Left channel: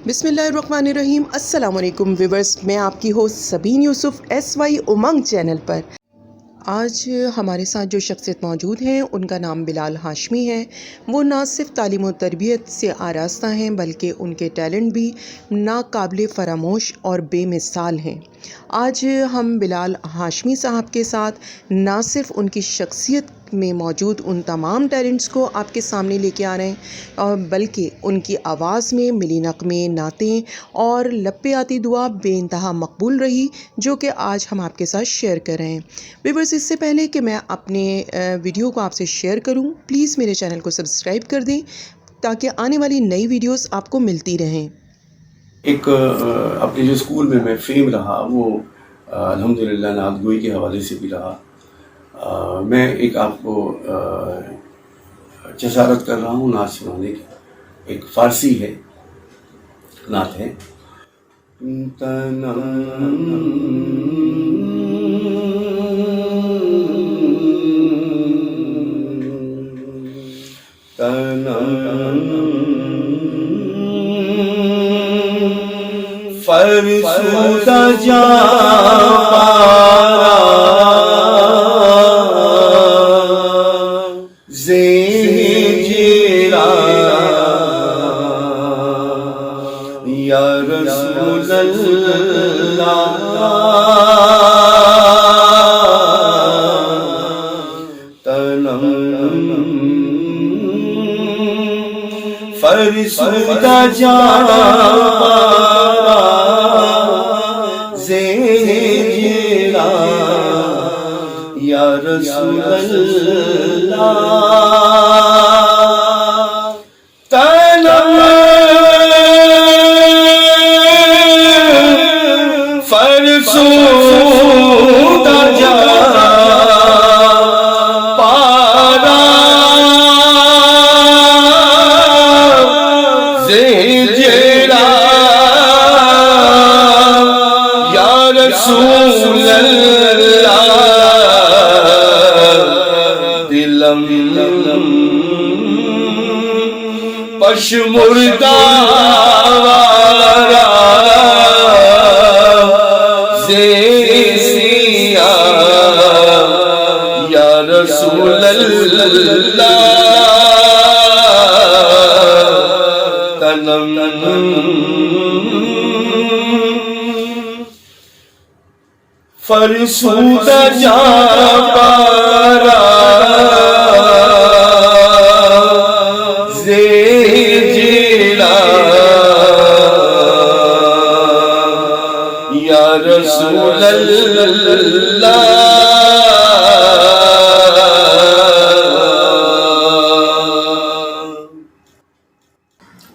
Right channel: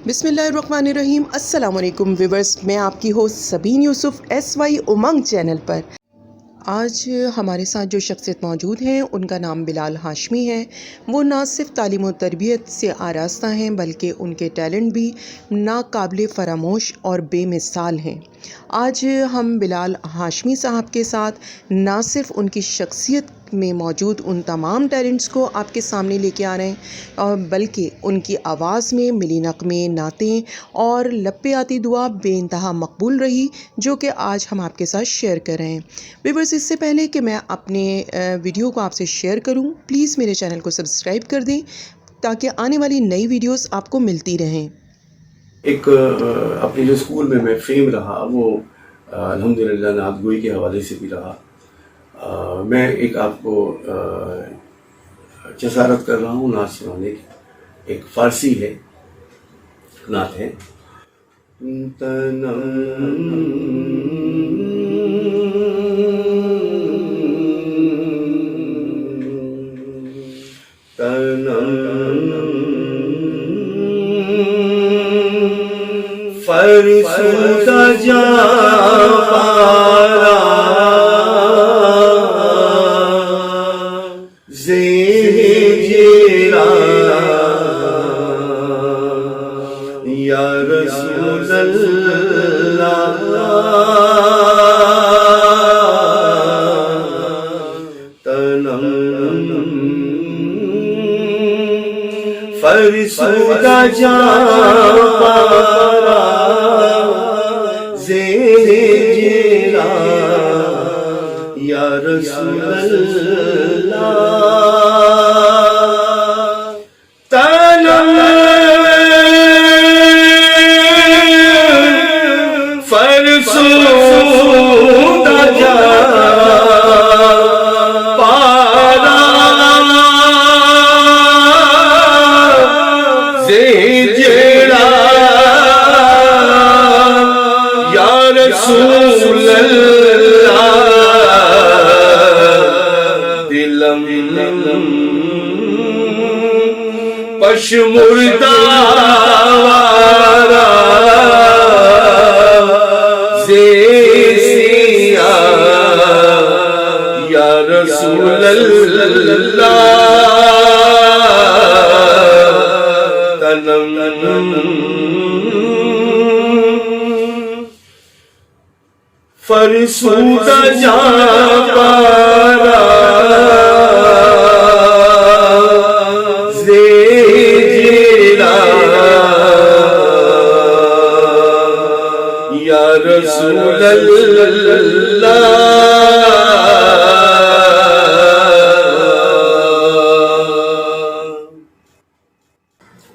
बिस्मिल्लाहिर्रहमानिर्रहीम। अस्सलाम वालेकुम व्यूअर्स, मैं आपकी होस्ट सबीन यूसुफ SY उमंग चैनल पर। आज हमारे साथ जो शख्सियत मौजूद हैं उनका नाम बिलाल हाशमी है। वो ना सिर्फ तालीम और तरबियत से आरास्ता हैं बल्कि उनके टैलेंट भी नाकाबिले फ़रामोश और बेमिसाल हैं। आज हम बिलाल हाशमी साहब के साथ ना सिर्फ उनकी शख्सियत में मौजूद उन तमाम टैलेंट्स को आपके सामने लेके आ रहे हैं और बल्कि उनकी आवाज़ में मिली नग़मे, नातें और लपे आती दुआ बेइंतहा मकबूल रही, जो कि आज हम आपके साथ शेयर कर रहे हैं। व्यूअर्स, इससे पहले कि मैं अपने वीडियो को आपसे शेयर करूं, प्लीज़ मेरे चैनल को सब्सक्राइब कर दें ताकि आने वाली नई वीडियोस आपको मिलती रहें। एक अपने जो स्कूल में मैं फेम रहा वो अल्हम्दुलिल्लाह नात गोई के हवाले से भी रहा। मैं एक आपको जसारत कर रहा हूँ नात सुनाने की। एक फ़ारसी है, नात है। फरसुदा जा पारा ज़ेरा या रसूल अल्लाह फरसुदा जा पारा ज़ेरा या रसूल अल्लाह तलम फरसुदा जा पारा ज़ेरा या रसूल अल्लाह दिलम पशमुर्दा वारा ज़ेसिया या रसूल अल्लाह तलम फरसुदा जा पारा ज़ेरा या रसूल अल्लाह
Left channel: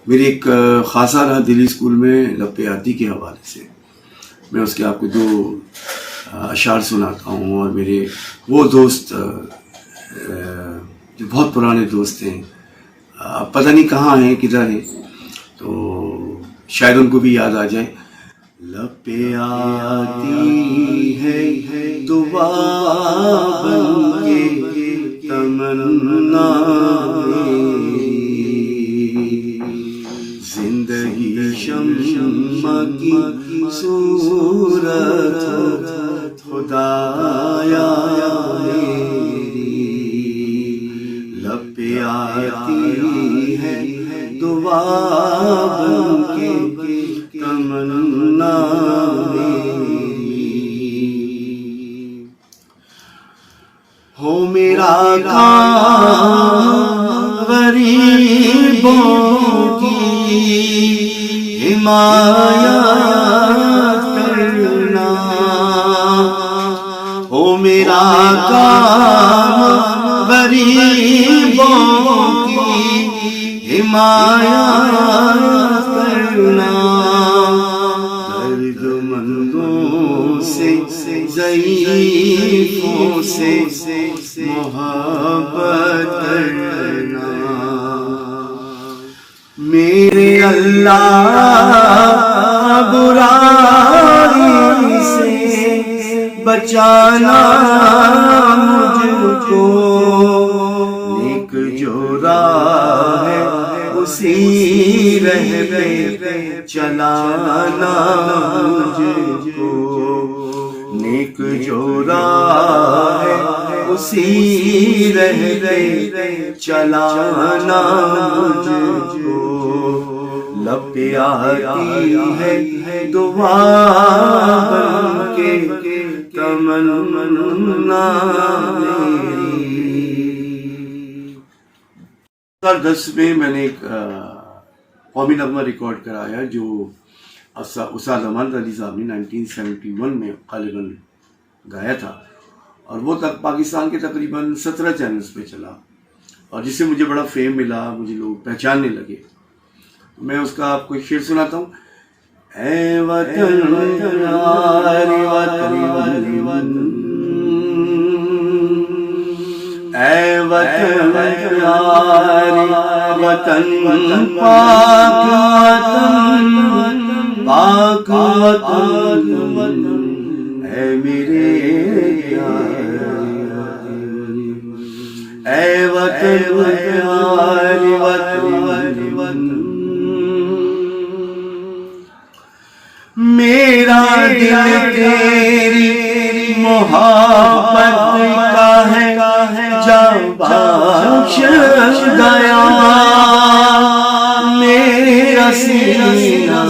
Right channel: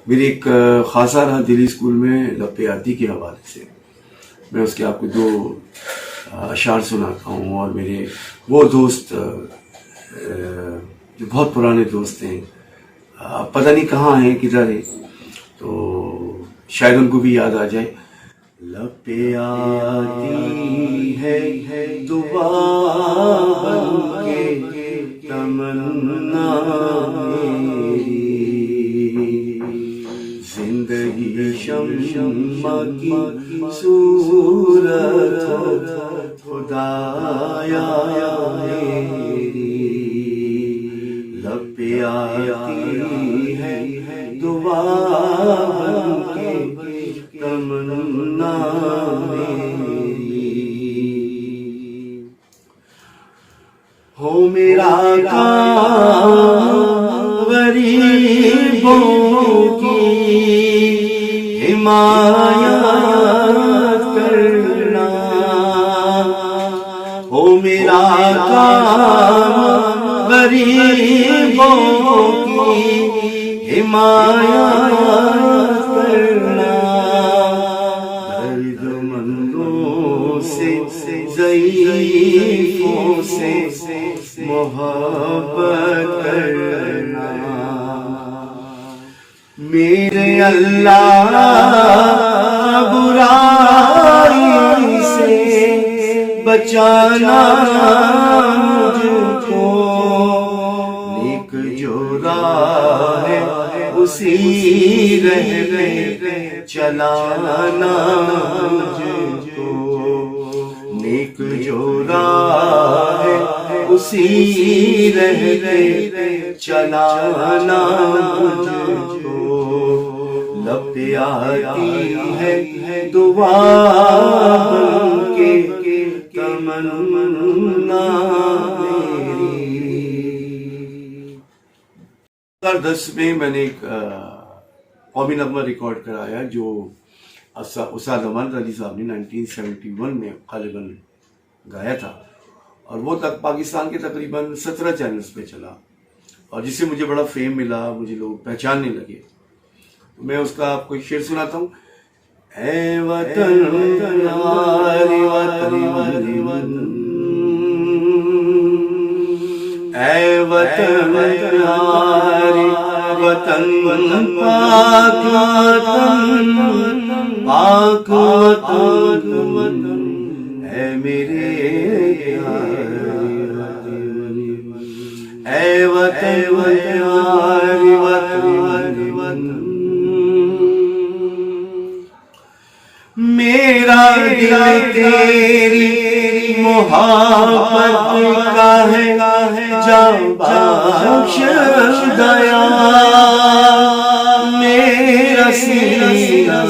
मेरी एक खासा रहा दिल्ली स्कूल में लपे आती के हवाले से। मैं उसके आपको दो अशार सुनाता हूँ। और मेरे वो दोस्त जो बहुत पुराने दोस्त हैं, पता नहीं कहाँ हैं, किधर हैं, तो शायद उनको भी याद आ जाए। लपे आती है दुआ बनके तमन्ना जिंदगी शम्मा की सूरत खुदाया मेरी। लपे आती है दुआ बनके तमन्ना मेरी। हो मेरा काम गरीबों की हिमायत करना। हो मेरा काम गरीबों की हिमायत करना। दर्दमंदों से ज़ईफ़ों से मोहब्बत करना। मेरे अल्लाह बुराई से बचाना मुझको। नेक जो राह है उसी रह पे चलाना मुझको, नेक जो राह है उसी रहते चलाना मुझको, लब पे आती है दुआ के तमन्ना मेरी। 2010 में मैंने एक कौमी नगमा रिकॉर्ड कराया जो उस्ताद अमान अली साहब ने 1971 में गालिबन गाया था, और वो तक पाकिस्तान के तकरीबन 17 चैनल्स पे चला, और जिससे मुझे बड़ा फेम मिला, मुझे लोग पहचानने लगे। मैं उसका आपको एक शेर सुनाता हूँ। ऐ वतन यारी वतन, ऐ वतन यारी वतन पाक वतन, पाक वतन है मेरे ऐ वतन यारी वतन, मेरा दिल तेरी मोहब्बत का है जा बख्श गया, मेरा सीना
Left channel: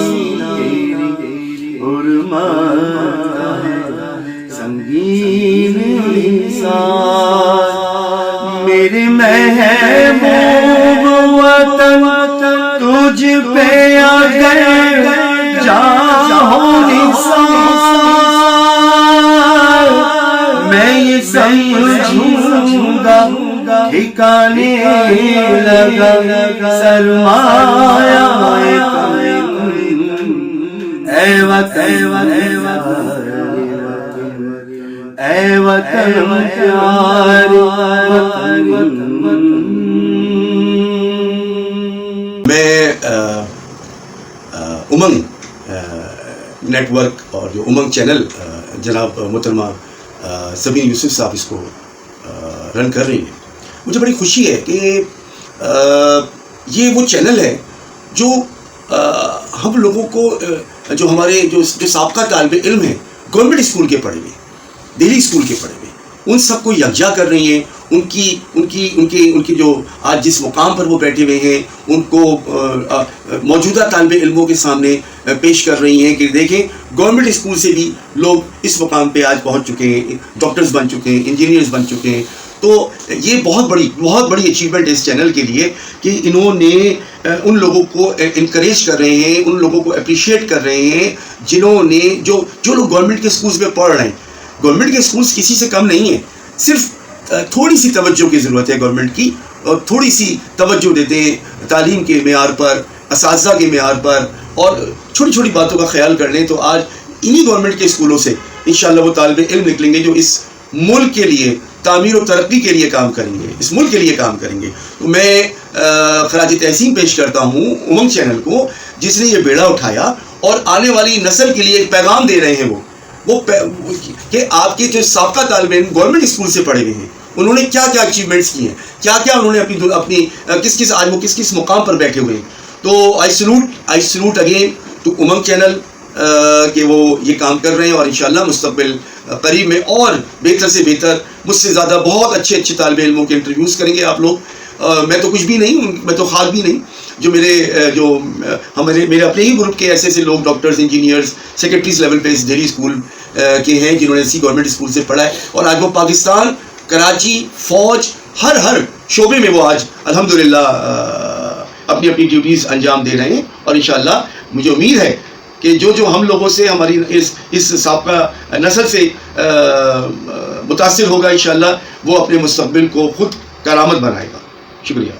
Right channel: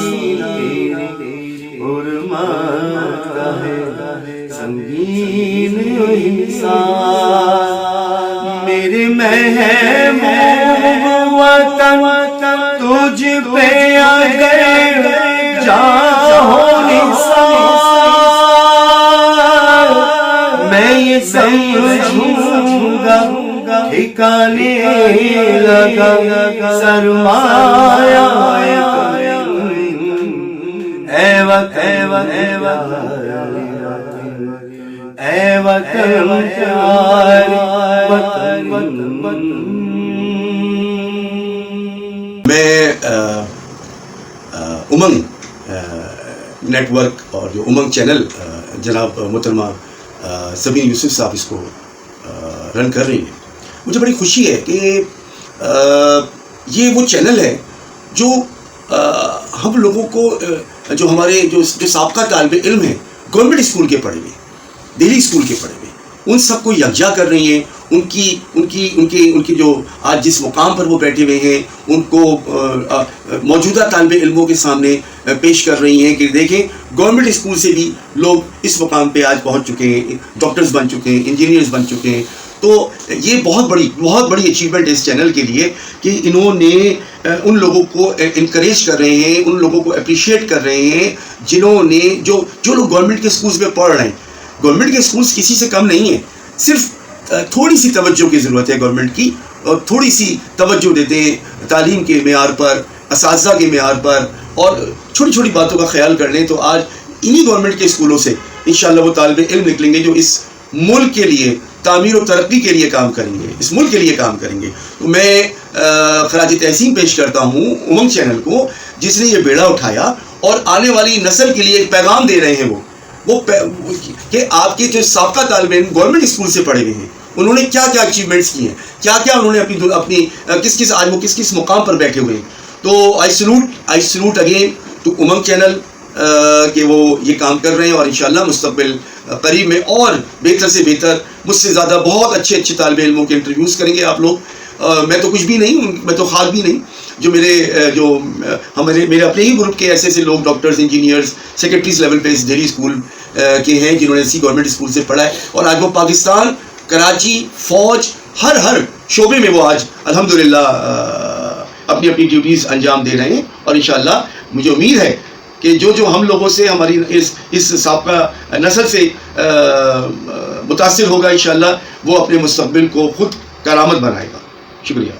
तेरी हुर्मत का है संगीन इंसान, मेरे महबूब वतन तुझ पे अगर मैं ये समझूंगा ठिकाने लगा सरमाया, ऐ वतन ऐ वतन यारी वतन। मैं उमंग नेटवर्क और जो उमंग चैनल जनाब मोहतरमा सबीन यूसुफ साहब इसको रन कर रही है, मुझे बड़ी खुशी है कि ये वो चैनल है जो हम लोगों को जो हमारे जो साबका तालिबे इल्म है गवर्नमेंट स्कूल के पढ़े हुए, दिल्ली स्कूल के पढ़े हुए, उन सबको यकजा कर रही हैं। उनकी जो आज जिस मुकाम पर वो बैठे हुए हैं उनको मौजूदा तालिबे इल्मों के सामने पेश कर रही हैं कि देखें गवर्नमेंट स्कूल से भी लोग इस मुकाम पे आज पहुंच चुके हैं, डॉक्टर्स बन चुके हैं, इंजीनियर्स बन चुके हैं। तो ये बहुत बड़ी अचीवमेंट है इस चैनल के लिए कि इन्होंने उन लोगों को इनकरेज कर रहे हैं, उन लोगों को अप्रिशिएट कर रहे हैं जिन्होंने जो लोग गवर्नमेंट के स्कूल्स में पढ़ रहे हैं। गवर्नमेंट के स्कूल्स किसी से कम नहीं है, सिर्फ थोड़ी सी तवज्जो की ज़रूरत है गवर्नमेंट की, और थोड़ी सी तवज्जो देते हैं तालीम के मेयार पर, असातिज़ा के मेयार पर, और छोटी छोटी बातों का ख्याल कर लें तो आज इन्हीं गवर्नमेंट के स्कूलों से इंशाअल्लाह वो तालिबे इल्म निकलेंगे जो इस मुल्क के लिए तामीर और तरक्की के लिए काम करेंगे, इस मुल्क के लिए काम करेंगे। तो मैं खराज तहसीन पेश करता हूँ उमंग चैनल को, जिसने ये बेड़ा उठाया और आने वाली नस्ल के लिए एक पैगाम दे रहे हैं वो कि आपके जो साबका तालिबे इल्म गवर्नमेंट स्कूल से पढ़े हुए हैं उन्होंने क्या क्या अचीवमेंट्स किए हैं, क्या क्या उन्होंने अपनी किस किस मुकाम पर बैठे हुए हैं। तो I salute again to Umang channel कि वो ये काम कर रहे हैं, और इंशाअल्लाह मुस्तक़बिल करीब में और बेहतर से बेहतर, मुझसे ज़्यादा बहुत अच्छे तालिबे इल्मों के इंटरव्यूज़ करेंगे आप लोग। मैं तो कुछ भी नहीं हूँ, मैं तो खास भी नहीं, जो मेरे अपने ही ग्रुप के ऐसे लोग डॉक्टर्स, इंजीनियर्स, सेक्रेटरीज लेवल पे इस दिल्ली स्कूल के हैं जिन्होंने इसी गवर्नमेंट स्कूल से पढ़ा है, और आज वो पाकिस्तान, कराची, फौज, हर शोबे में वो आज अल्हम्दुलिल्लाह अपनी ड्यूटीज़ अंजाम दे रहे हैं। और इंशाअल्लाह मुझे उम्मीद है कि जो हम लोगों से, हमारी इस साबका नस्ल से मुतासिर होगा, इंशाअल्लाह वो अपने मुस्तक़बिल को खुद करामत बनाएगा। शुक्रिया।